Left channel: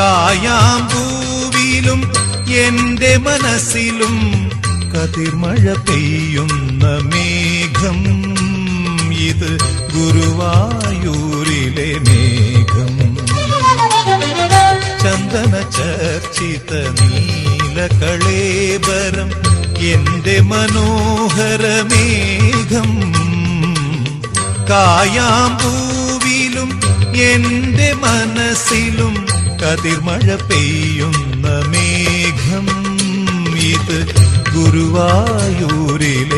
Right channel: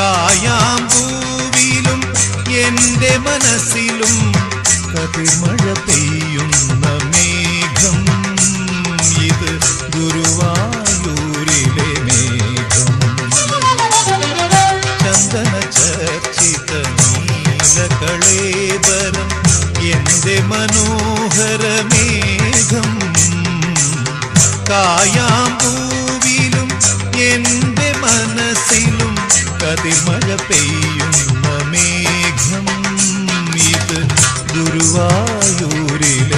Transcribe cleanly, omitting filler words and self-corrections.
കായാമ്പൂവിലും എന്റെ മനസ്സിലും കതിർമഴ പെയ്യുന്ന മേഘം. ഇത് ഗുരുവായൂരിലെ മേഘം. ചന്ദന ചർച്ചിത നീലകളേബരം എന്റെ മനോഹര മേഘം. കായാമ്പൂവിലും എന്റെ മനസ്സിലും കതിർമഴ പെയ്യുന്ന മേഘം. ഇത് ഗുരുവായൂരിലെ